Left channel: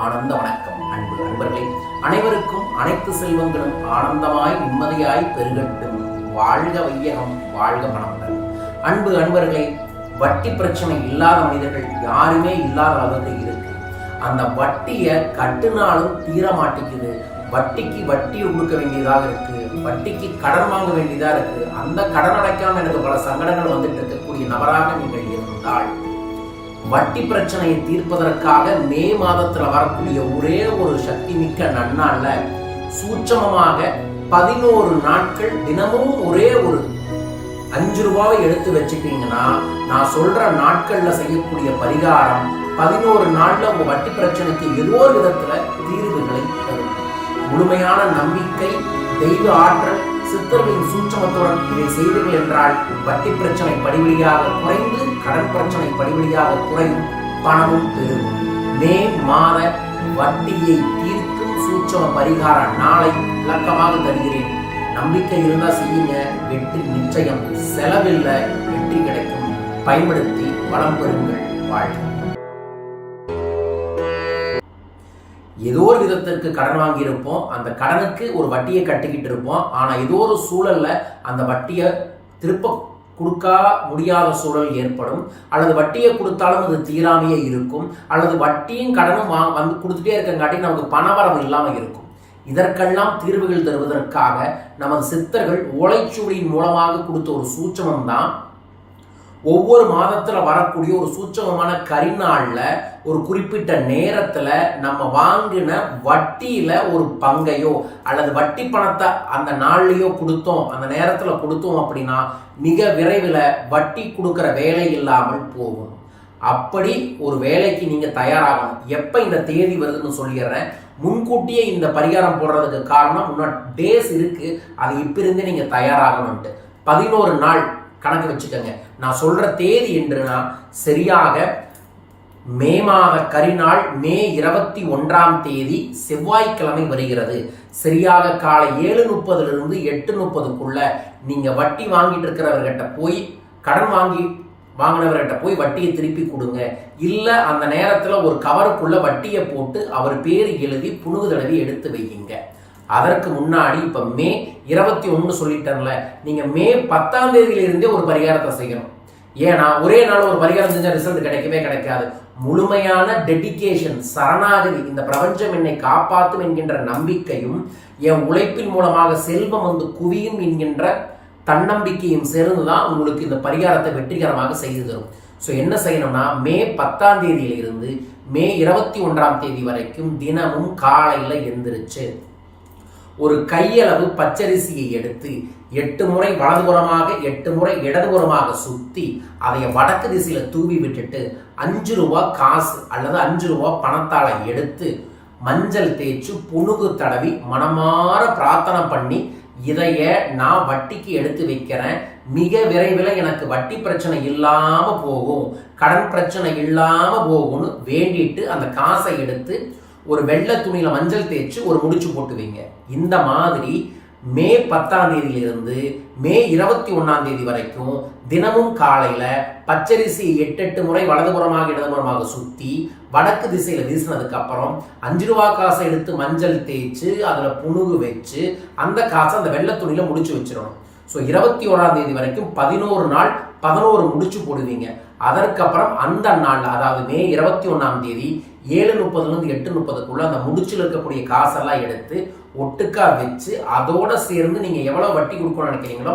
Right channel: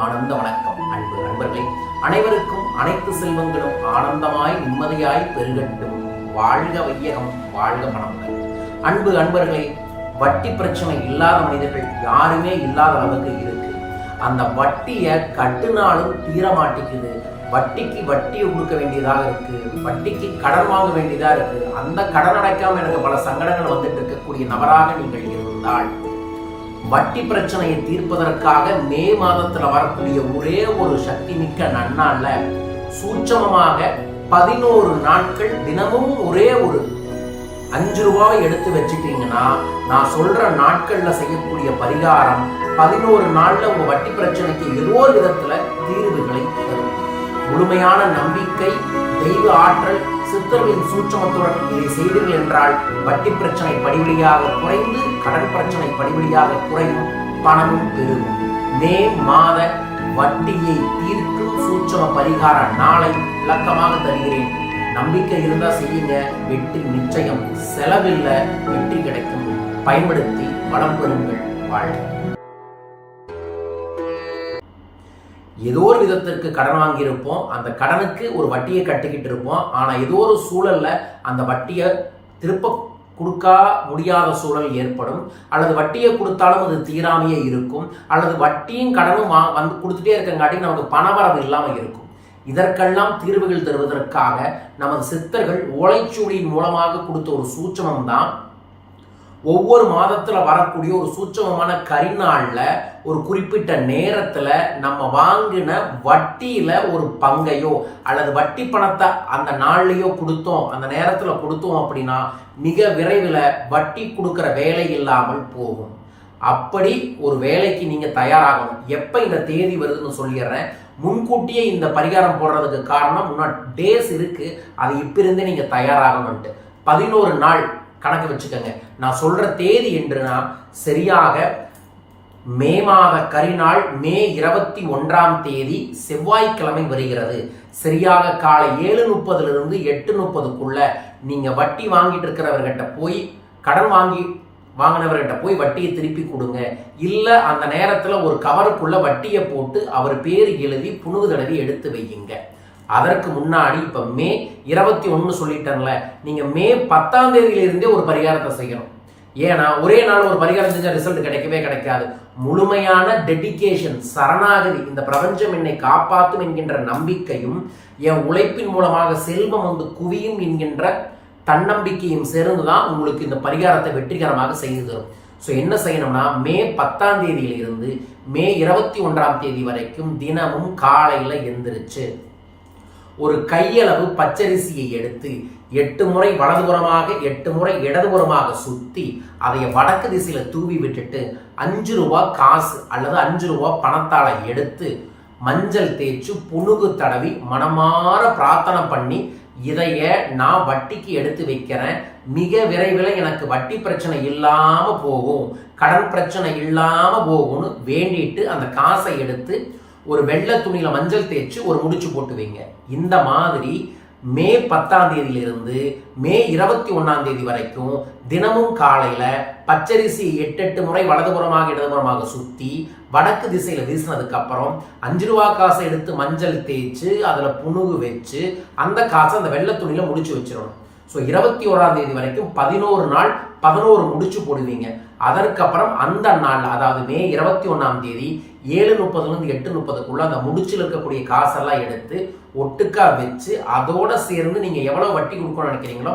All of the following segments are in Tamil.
ஆனந்த வணக்கம் அன்பு அன்பர்களே. அனைவருக்கும் அனைத்து செல்வங்களும் ஆனந்தமாய் நிம்மதியாய் பெருகட்டும். வாழ்க வையகம் வாழ்க மனமுடன். அன்பு அன்பர்களே வட்டி பிரச்சனை இல்லாத மனிதர்கள் யாருமே இல்லாத அளவுக்கு இருக்கு. அந்த வட்டியை கட்டுனாலும் தீர மாட்டேங்குது. வட்டிக்கு வட்டியை கொடுக்க வேண்டியதாக இருக்கு. வட்டிக்கு கடன் வாங்க வேண்டியதாக இருக்கு. அந்த கடன் அடைக்காமல் எனக்கு பல சங்கடங்கள் வந்துட்டு இருக்கக்கூடிய நபராக நீங்கள் இருந்தால் வட்டி பிரச்சனையை தீர்ப்பதற்காக மே மாதத்தில் வரக்கூடிய ஒரே ஒரு சக்தி மிக்க நன்னாளில் சூட்சமமாக பதினோரு நாட்கள் தினமும் ஒரே ஒரு அஞ்சு ரூபாவை எடுத்து வச்சுட்டீங்கன்னா நான் சொல்ற நாட்கள்ல செய்யக்கூடிய பரிகாரம் பதினோரு நாள்ல உங்க வட்டி பிரச்சனைக்கு ஏதோ ஒரு விதத்துல தீர்வுகளை தரும். முழுமையான நம்பிக்கை தெய்வ ஆற்றல் சித்தர்களின் சூட்சமத்துடன் இதை செய்தீர்கள் என்றால் வட்டி பிரச்சனை படிவழியாக குறைந்து கடன் பிரச்சனை படிவழியாக குறையும் பணமும் பெருகும். மே மாத வட்டியை தீர்க்கும் சூட்சம பரிகார நாளை விளக்கமாக தருகிறேன். நம்பிக்கை இருந்தா செய்யுங்க. வெற்றி நிச்சயம். செலவில்லை வெற்றி கிடைக்கும். பயன்படுத்தி வளம் பெறுங்கள். வாழ்க. ஏதோ ஒரு விதத்திற்கு கடன் வாங்கியிருப்போம். அந்த கடனுக்கு ஒரு வட்டியை கட்டிக்கிட்டு இருப்போம். ஆனால் ஏதோ ஒரு சூழல்ல அந்த வட்டியை திருப்ப கொடுக்கா முடியாத சூழல் ஏற்படும். அல்லது வட்டியை கொடுத்தாலும் அது தீராமையே இருக்கும். அல்லது வட்டியும் கடனும் வா வந்து கொடுத்துட்டே இருக்கங்காட்டி நமக்கு பணவரவு இல்லாமல் இருக்கும். இதற்கெல்லாம் தீர்வுகள் தருவதற்காக நமது சித்தர்கள் ஓலைச்சுவடியின் மூலமாக கொடுத்த ஒரு சூட்சமம் தான் ஒவ்வொரு மாதத்தில் வரக்கூடிய ஒரு சூட்சமமான கரிநாளில் ஒரு குறிப்பிட்ட நேரத்தில் நம்ம வாங்கின வட்டியில் ஒரு பங்கையோ அல்லது வட்டி பணத்தை அந்த நாள்லையோ கொடுத்தோம் அந்த நேரத்தில் கொடுத்தோம் அப்படின்னா மிக விரைவில் வட்டி கொடுக்குற வேலை இல்லாமல் போகும். அப்படி ஒரு வேலைக்கு நீங்கள் தயாராகணும். எப்போ இந்த தேதி வருதுன்னு சொல்லிடுறேன். முன்கூட்டியே இந்த பரிகாரம் போடுறதுக்கு காரணம் முன்னாடி டேஸ் இருக்குது அது இப்போ இருந்தே நீங்கள் தயாராகணும்ன்ட்டு. பதினோரு நாள் கணக்கு வச்சுக்கோங்க. நான் சொல்கிற தேதி என்றுனா சரியாக மே மாத கரிநாள் மே இருபத்தி ஒன்றாம் தேதி செவ்வாய்க்கிழமை வருகிறது. சரியாக காலை ஏழு முப்பதுலேருந்து எட்டு முப்பதுக்குள்ள நீங்கள் வட்டி வாங்கிட்டு இருக்கிறவர்கிட்ட போய் கடன் வாங்கி வாங்கினவர்கிட்ட போய் வட்டியை திருப்பி கொடுங்க. இல்லை அந்த நேரத்தில் ஒரு கவருக்குள்ள வட்டியை போட்டு அவர் பேர் எழுதி புணுகு தடவி எடுத்து வையுங்க. அதற்கு முன்னாடி இப்போ மே இருபத்தி ஒன்று சொல்லிட்டேன்ல நீங்கள் மே பத்தாம் தேதியிலிருந்தே ஒரு பரிகாரத்தை செய்யணும். ஏன்னா ஒரே நாள் ஒரு பரிகாரம் செஞ்சால் ரிசல்ட் கிடைக்கவே கிடைக்காது. முழுமையான டெடிகேஷன் சரணாகதி இந்த பிரபஞ்சம் என்னை காப்பாற்றும் என்கின்ற நம்பிக்கையும் என் உழைப்பின் மூலமாக செல்வம் வந்து குவியும் என்கின்ற தன்னம்பிக்கையும் சேர்ந்து தான் உங்களுக்கு இந்த பரிகாரத்தை வெற்றிகரமாக செய்து தரும். ஸோ என்ன செய்யணும்னா மே பத்தாம் தேதியிலிருந்து மே இருபத்தி ஒன்றாம் தேதி வரைக்கும் தினமும் காலையில் எந்திரிச்சு ஒரு கையளவு பச்சரிசியை எடுத்து எட்டு முறை வலதுபுறமாக எட்டு முறை இடதுபுறமாக சுற்றி அதை வடக்கு திசையில் தூவி விட்டுட்டு அஞ்சு ரூபா காசு அல்லது அஞ்சு ரூபா பணத்தால் எடுத்து மஞ்சள் தேய்ச்சி புணுகு தடவி மனமாற பிரார்த்தனை பண்ணி இதைய நான் வட்டிக்கு எடுத்து வைக்கிறேன். மிக விரைவில் எனக்கு வட்டி பிரச்சனை இல்லாமல் போகும். கடன் பிரச்சனை இல்லாமல் போகும்னு வேண்டிட்டு அந்த காசை எடுத்து ஒரு வெள்ளை துணியில் மஞ்சள் தேய்ச்சி ஒரு முடிச்சு போட்டு வைங்க. இந்த மாதிரி மே பத்தாம் தேதியிலிருந்து மே இருபத்தி ஒன்றாம் தேதி வரைக்கும் தினமும் காலையில் பச்சரிசி எட்டு எட்டு முறை வலதுபுறமாக இடதுபுறமாக சுற்றி வடக்கு திசையில் வீசினதுக்கப்புறம் அஞ்சு ரூபா காசை எடுத்து மஞ்சள் தேய்ச்சி அதில் புணுகு வச்சு அந்த காசை அந்த வெள்ளை துணியில் முடிச்சு வச்சிடணும். ஸோ இருபத்தி ஓராம் தேதி வரைக்கும் பதினோரு நாள் பதினோரு முடிச்சு போடுவீங்க. அதற்கப்புறம் அந்த நாள் அதாவது மே இருபத்தி ஒன்றாம் தேதி ஏழு முப்பதுலேருந்து எட்டு முப்பதுக்குள்ளே அந்த முடிச்சில் இருக்கக்கூடிய காசெல்லாம் எடுத்து ஒட்டுக்கா வச்சு அதோட சேர்ந்து நீங்கள் எவ்வளோ வட்டி கொடுக்கணும்னு நினைக்கிறீங்களோ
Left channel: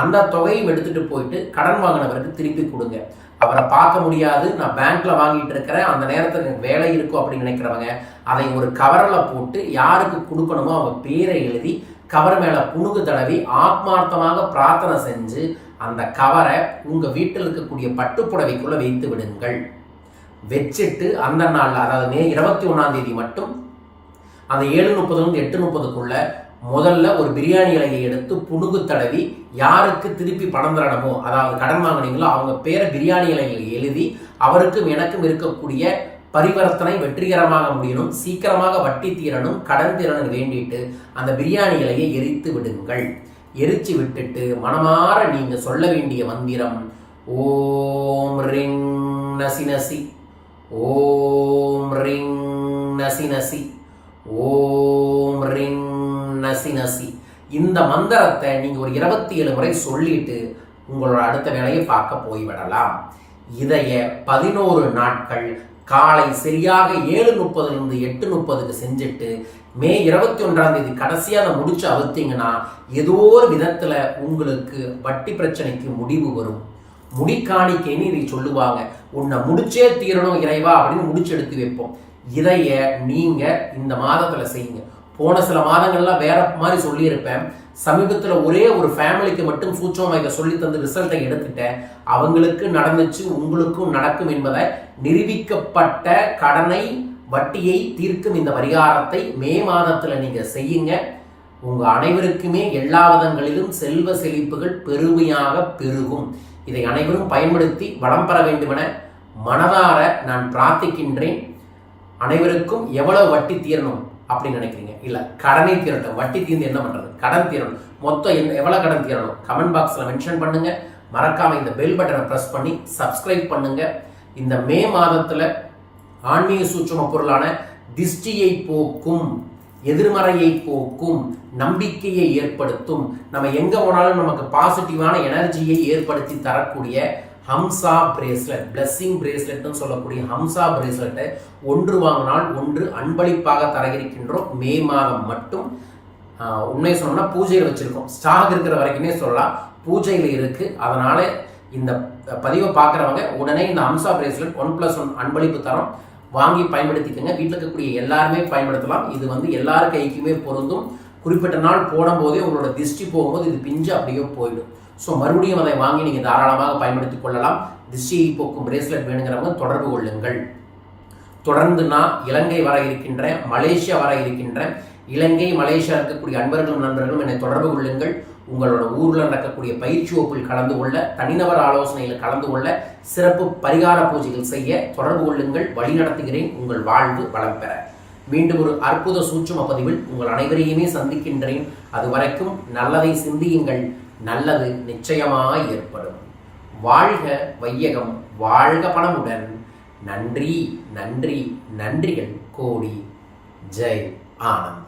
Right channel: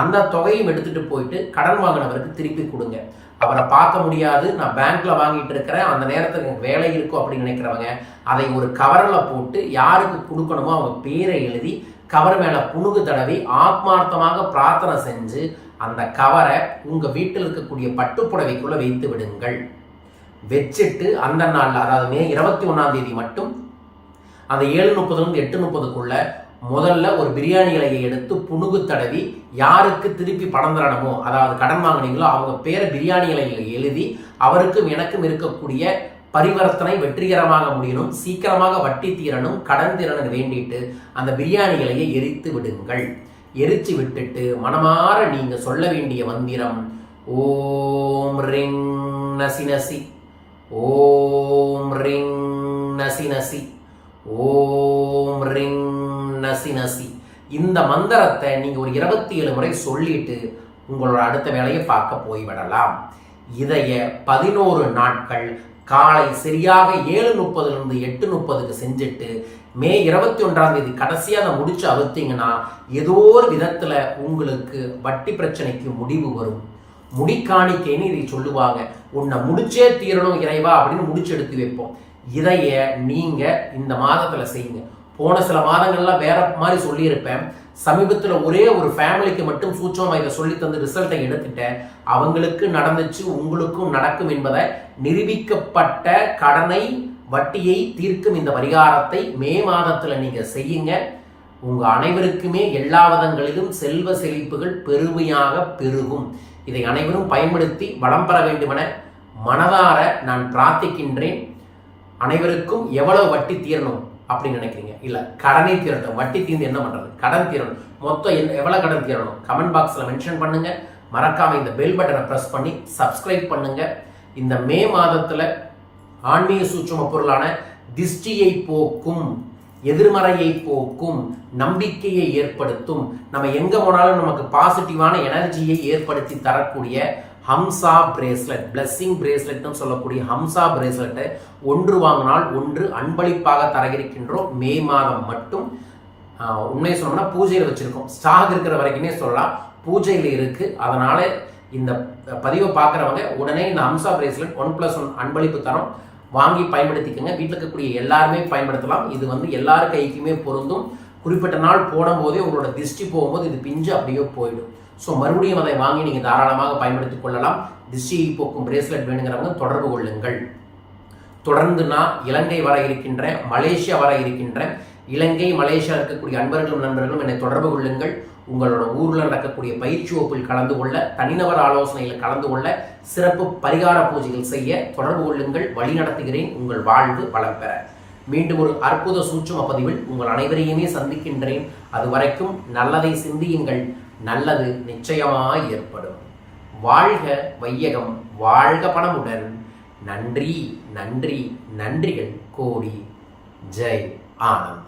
அந்த தொகையும் எடுத்துகிட்டு போயிட்டு கடன் வாங்கினவருக்கு திருப்பி கொடுங்க. அவரை பார்க்க முடியாது நான் பேங்க்ல வாங்கிட்டு இருக்கிறேன் அந்த நேரத்தில் எனக்கு வேலை இருக்கும் அப்படின்னு நினைக்கிறவங்க அதை ஒரு கவரில் போட்டு யாருக்கு கொடுக்கணுமோ அவங்க பேரை எழுதி கவர் மேலே புணுகு தடவி ஆத்மார்த்தமாக பிரார்த்தனை செஞ்சு அந்த கவரை உங்கள் வீட்டில் இருக்கக்கூடிய பட்டுப்புடவைக்குள்ளே வைத்து விடுங்கள். வச்சுட்டு அந்த நாளில் அதாவது மே இருபத்தி ஒன்றாம் தேதி மட்டும் அந்த ஏழு முப்பதுலேருந்து எட்டு முப்பதுக்குள்ளே முதல்ல ஒரு பிரியாணி இலையை எடுத்து புணுகு தடவி யாருக்கு திருப்பி பணம் தரணுமோ அதாவது கடன் வாங்கினீங்களோ அவங்க பேரை பிரியாணி இலையில் எழுதி அவருக்கும் எனக்கும் இருக்கக்கூடிய பரிவர்த்தனை வெற்றிகரமாக முடியணும் சீக்கிரமாக வட்டி தீரணும் கடன் தீரணும் வேண்டிட்டு அந்த பிரியாணிகளையே எரித்து விடுங்கள். எரிச்சு விட்டுட்டு மனமாற நீங்க சொல்ல வேண்டிய மந்திரம் ஓம் ரிங் நசி நசி ஓம் ரிங் நசி நசி ஓம் ரிங் நசி நசி. இந்த மந்திரத்தை நீங்கள் ஒரு இருபத்தி ஏழு முறை சொல்லிட்டு உங்களோட அடுத்த வேலையை பார்க்க போய்விடலாம். இதைய பதினோரு நாட்கள் காலை சரியாக ஏழு முப்பதுலேருந்து எட்டு முப்பதுக்கு செஞ்சுட்டு மே இருபத்தி ஒன்றாம் தேதி கடைசியாக அதை முடிச்சு அவுத்தீங்கன்னா ஏதோ ஒரு விதத்தில் உங்களுக்கு வட்டி பிரச்சனைக்கு முடிவு வரும். முடிக்காணிக்கைன்னு இதை சொல்லுவாங்க. உன்னை முடிச்சே தீரணும் இறைவா அப்படின்னு முடிச்சு எடுத்து வைப்போம். இதைய நீங்கள் இந்த மாதத்தில் செய்யுங்க. போன சில மாதங்கள்லாம் வேற மாதிரி சொல்லியிருப்பேன். சமீபத்தில் ஒரே ஒரு ஃபேமிலிக்கு மட்டும் சூட்சமாக இதை சொல்லி தந்து ரிசல்ட்டை எடுத்துட்டேன். அவங்களுக்கு நடந்துச்சு உங்களுக்கும் நடக்கும் என்பதை நிரூபிக்கப்பட்ட கடனை வட்டியை தீர்க்கும் இந்த பரிகாரத்தை மே மாதத்தில் நீங்கள் செய்யுங்க. உங்கள் அனைவருக்குமே எல்லா விதங்களிலும் செல்வ செழிப்புகள் பெருமையாக பெருகும். இதை அனைவரும் பயன்படுத்தி வளம் பெற வேண்டுமென மனதார நான் பிரார்த்திக்கின்றேன். அனைவருக்கும் எவ்வளவு வட்டி தீரணும்? அப்படின்னு நினைக்கிறீங்க? இல்லை கடனை தீரட்டும் வட்டி தீர்ந்து என்ன பண்ணுறது கடன் தீரணும். மொத்தம் என்ன எவ்வளோ கடன் தீரணும்? கமெண்ட் பாக்ஸில் மென்ஷன் பண்ணுங்கள் மறக்காமல் இந்த பெல் பட்டனை ப்ரெஸ் பண்ணி சப்ஸ்கிரைப் பண்ணுங்கள் இந்த மே மாதத்தில் ஆன்மீக சூட்சம பொருளான திஷ்டியை போக்கும் எதிர்மறையை போக்கும் நம்பிக்கையை ஏற்படுத்தும் நம்ம எங்கே போனாலும் நமக்கு பாசிட்டிவான எனர்ஜியை ஏற்படுத்தி தரக்கூடிய ஹம்சா பிரேஸ்லெட் பிளஸ்ஸிங் பிரேஸ்லெட்னு சொல்லக்கூடிய ஹம்சா பிரேஸ்லெட்டை ஒன்று வாங்கினால் ஒன்று அன்பளிப்பாக தர இருக்கின்றோம் மே மாதம் மட்டும். உண்மையை சொன்னோம்னா பூஜையில் வச்சுருக்கோம். ஸ்டாக் இருக்கிற வரைக்குமே சொல்லலாம். பூஜையில் இருக்குது அதனால் இந்த பதிவை பார்க்குறவங்க உடனே இந்த hamsa bracelet one plus one அன்பளிப்பு தரோம். வாங்கி பயன்படுத்திக்கங்க. வீட்டில் இருக்கக்கூடிய எல்லாருமே பயன்படுத்தலாம். இது வந்து எல்லார் கைக்குமே பொருந்தும். குறிப்பிட்ட நாள் போடும்போதே உங்களோட திஷ்டி போகும்போது இது பிஞ்சு அப்படியே போயிடும். ஸோ மறுபடியும் அதை வாங்கி நீங்கள் தாராளமாக பயன்படுத்திக் கொள்ளலாம். திஷ்டியை போக்கும் பிரேஸ்லெட் வேணுங்கிறவங்க தொடர்பு கொள்ளுங்கள். தொடர்ந்து நான் இலங்கை வர இருக்கின்றேன் மலேசியா வர இருக்கின்றேன் இலங்கை மலேசியா இருக்கக்கூடிய அன்பர்களும் நண்பர்களும் என்னை தொடர்பு கொள்ளுங்கள். உங்களோட ஊரில் நடக்கக்கூடிய பயிற்சி வகுப்பில் கலந்து கொள்ள தனிநபர் ஆலோசனையில் கலந்து கொள்ள சிறப்பு பரிகார பூஜைகள் செய்ய தொடர்பு கொள்ளுங்கள். வழி நடத்துகிறேன். உங்கள் வாழ்வு வளம் பெற. மீண்டும் ஒரு அற்புத சூட்சும பதிவில் உங்கள் அனைவரையுமே சந்திக்கின்றேன். அது வரைக்கும் நல்லதை சிந்தியுங்கள். நல்லது நிச்சயமாய் ஏற்படும். வாழ்க வையகம் வாழ்க பணமுடன். நன்றி நன்றி நன்றிகள் கோடி. ஜெய் ஆனந்த்.